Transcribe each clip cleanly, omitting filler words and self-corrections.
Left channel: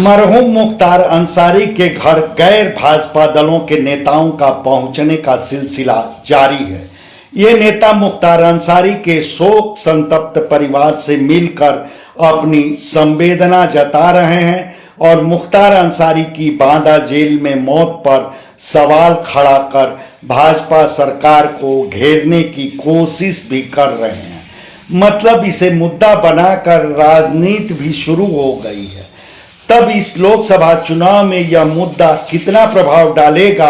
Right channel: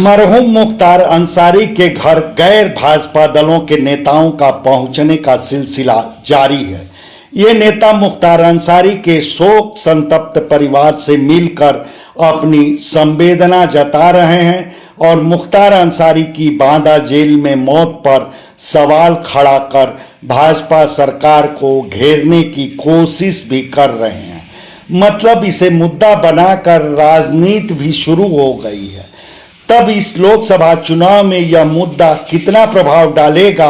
मरहूम मुख्तार अंसारी के घर गैर भाजपा दलों के नेताओं का पहुंचने का सिलसिला जारी है। ये नेता मुख्तार अंसारी के शोक संतप्त परिवार से मिलकर अपनी संवेदना जता रहे हैं और मुख्तार अंसारी की बांदा जेल में मौत पर सवाल खड़ा कर भाजपा सरकार को घेरने की कोशिश भी कर रहे हैं। मतलब इसे मुद्दा बनाकर राजनीति भी शुरू हो गई है। तब इस लोकसभा चुनाव में यह मुद्दा कितना प्रभाव डालेगा,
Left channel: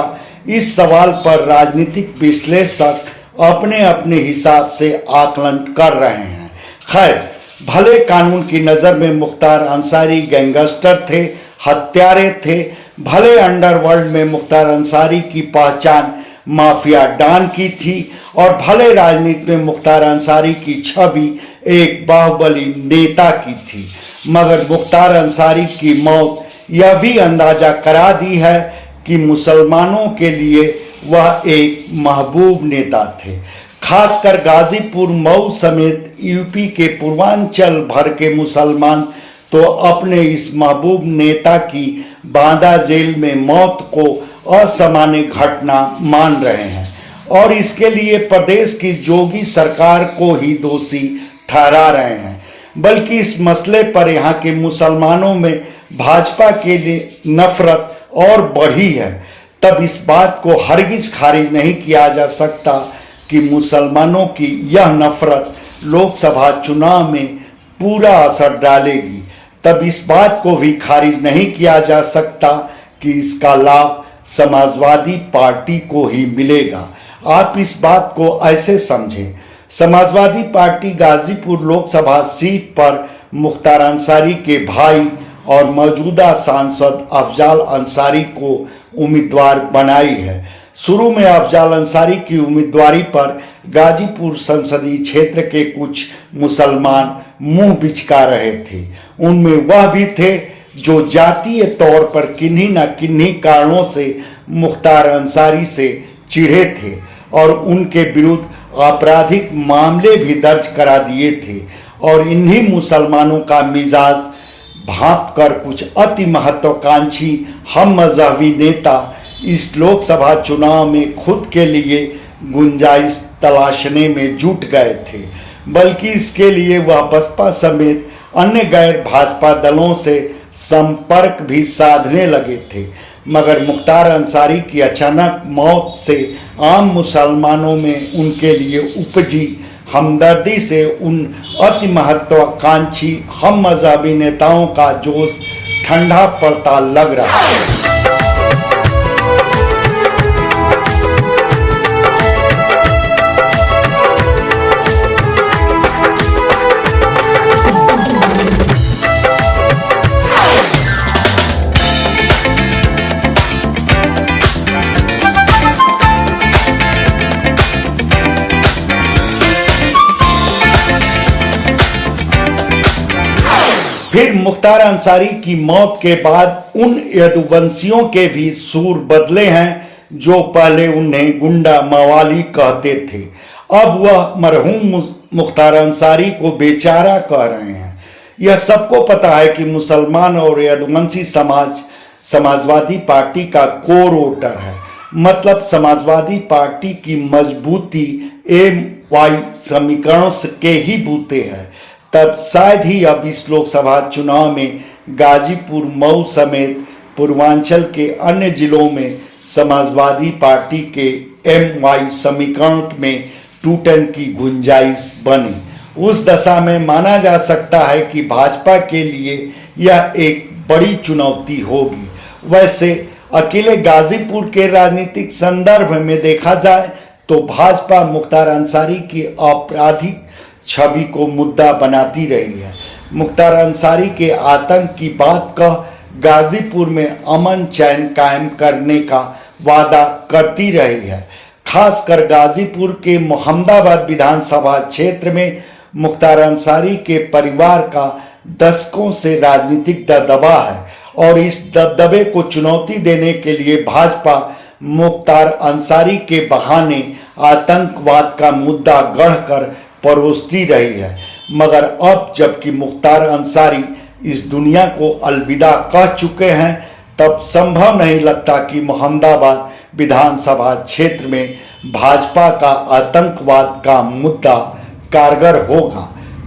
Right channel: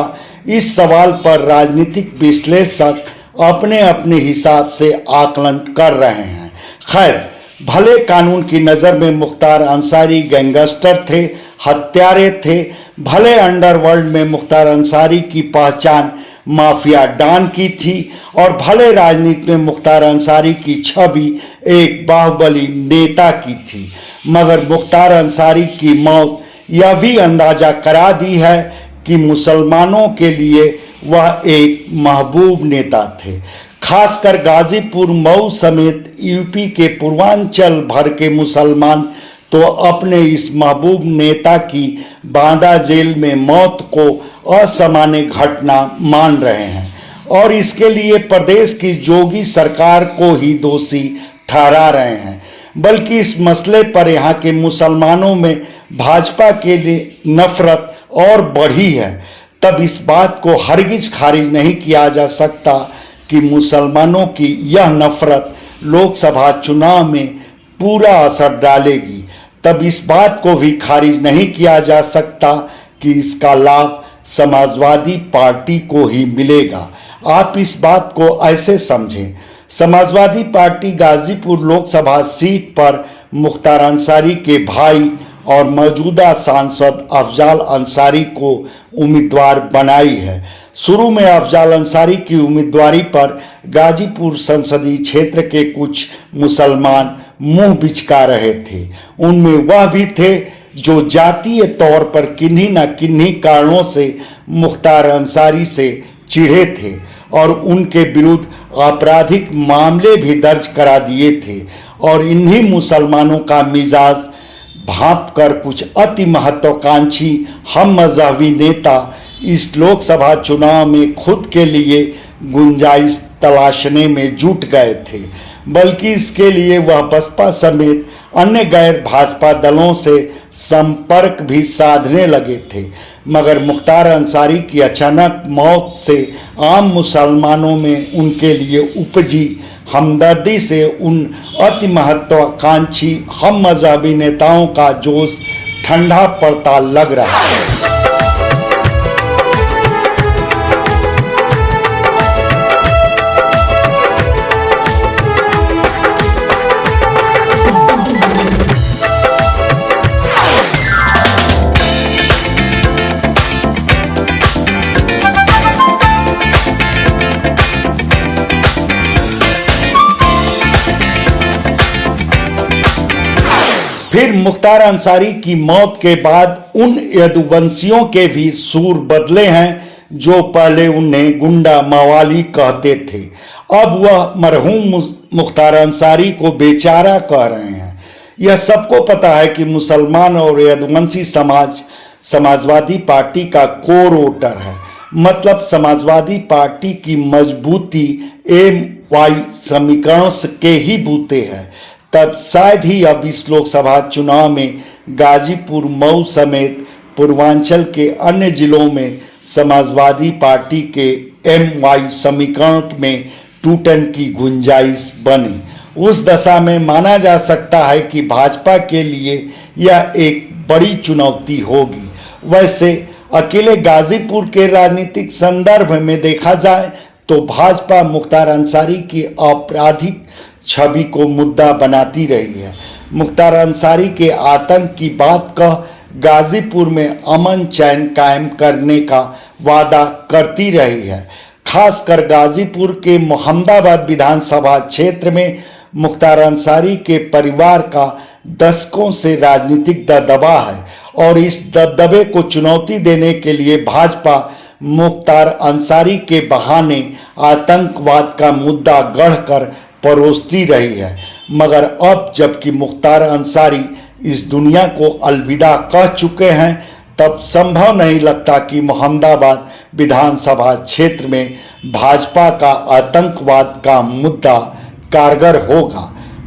इस सवाल पर राजनीतिक विश्लेषक अपने अपने हिसाब से आकलन कर रहे हैं। खैर, भले कानून की नज़र में मुख्तार अंसारी गैंगस्टर थे, हत्यारे थे, भले अंडरवर्ल्ड में मुख्तार अंसारी की पहचान माफिया डॉन की थी और भले राजनीति में मुख्तार अंसारी की छवि एक बाहुबली नेता की थी, मगर मुख्तार अंसारी की मौत यह भी अंदाजा करा दी है कि मुसलमानों के लिए वह एक महबूब नेता थे। खासकर गाजीपुर, मऊ समेत यूपी के पूर्वांचल भर के मुसलमान तो अपने इस महबूब नेता की बांदा जेल में मौत को असामान्य घटना मान रहे हैं और इसके लिए प्रदेश की जोगी सरकार को ही दोषी ठहरा रहे हैं। बल्कि इस मसले पर यहाँ के मुसलमानों में भाजपा के लिए नफरत और बढ़ी है। तब इस बात को हरगिज खारिज नहीं किया जा सकता कि मुसलमानों की यह नफरत लोकसभा चुनाव में पूरा असर डालेगी। तब इस बात को भी खारिज नहीं किया जा सकता कि इसका लाभ समाजवादी पार्टी को ही मिलेगा। आप इस बात को ऐसे समझें, समाजवादी पार्टी गाजीपुर लोकसभा सीट पर मुख्तार अंसारी के भाई और मौजूदा सांसद अफजाल अंसारी को उम्मीदवार बनाई है। शुरू में अफजाल अंसारी की उम्मीदवारी पर गाजीपुर संसदीय क्षेत्र के कुछ मुसलमान मुंह बिचका रहे थे। उनमें वह भी थे जो जातीय तौर पर किन्हीं न किन्हीं कारणों से मुख्तार अंसारी से चिढ़े थे और उनके विरुद्ध आपराधिक मामले भी दर्ज करा दिए थे। और इन्हीं मुसलमानों का मिजाज भांप कर कुछ अति महत्वाकांक्षी हम मजहबी नेता इस लोकसभा चुनाव में खुद के लिए गुंजाइश तलाशने में जुट गए थे। बल्कि इसके लिए वह बसपा समेत अन्य गैर भाजपा दलों से संपर्क भी साधने लगे थे। मगर मुख्तार अंसारी की अचानक मौत से आम मुसलमानों में उनके लिए उपजी हमदर्दी से उन अति महत्वाकांक्षी हम मजहबी नेताओं का जोश ठंडा पड़ता लग रहा है। फिर मुख्तार अंसारी की मौत के बाद उन यदुवंशियों के भी सूर बदले हैं जो पहले उन्हें गुंडा मवाली कहते थे। अब वह मरहूम मुख्तार अंसारी को बेचारा कह रहे हैं। यह सबको पता है कि मुसलमान और यदुवंशी समाज समाजवादी पार्टी का कोर वोटर है। मतलब समाजवादी पार्टी की मजबूती MY समीकरणों के ही बूते है। तब शायद ही अब इस लोकसभा चुनाव में गाजीपुर, मऊ समेत पूर्वांचल के अन्य जिलों में समाजवादी पार्टी के MY समीकरण में टूटन की गुंजाइश बने। उस दशा में माना जा सकता है कि भाजपा के लिए यह एक बड़ी चुनौती होगी। वैसे अकेले गाजीपुर के राजनीतिक संदर्भ में देखा जाए तो भाजपा मुख्तार अंसारी की आपराधिक छवि को मुद्दा बनाती रही है। मुख्तार अंसारी के आतंक की बात कह गाजीपुर में अमन चैन कायम करने का वादा करती रही है। खासकर गाजीपुर के मोहम्मदाबाद विधानसभा क्षेत्र में मुख्तार अंसारी के परिवार का दशकों से राजनीतिक दबदबा है और इस दबदबे को चुनौती देने के लिए भाजपा मुख्तार अंसारी के बहाने आतंकवाद का मुद्दा गढ़कर परोसती रही है। मगर अब जबकि मुख्तार अंसारी इस दुनिया को अलविदा कह चुके हैं, तब संभव नहीं लगता कि मोहम्मदाबाद विधानसभा क्षेत्र में भाजपा का आतंकवाद का मुद्दा कारगर होगा,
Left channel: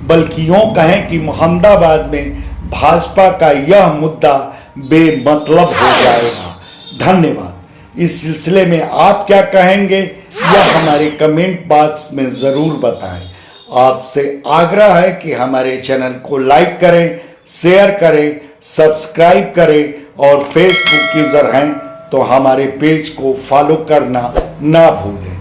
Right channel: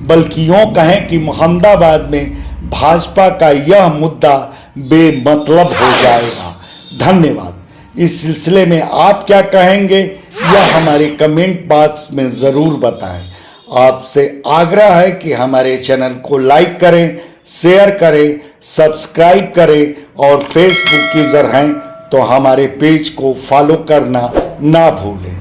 बल्कि यूं कहें कि मोहम्मदाबाद में भाजपा का यह मुद्दा बेमतलब हो जाएगा। धन्यवाद। इस सिलसिले में आप क्या कहेंगे यह हमारे कमेंट बॉक्स में ज़रूर बताएं। आपसे आग्रह है कि हमारे चैनल को लाइक करें, शेयर करें, सब्सक्राइब करें और फेसबुक यूजर हैं तो हमारे पेज को फॉलो करना ना भूलें।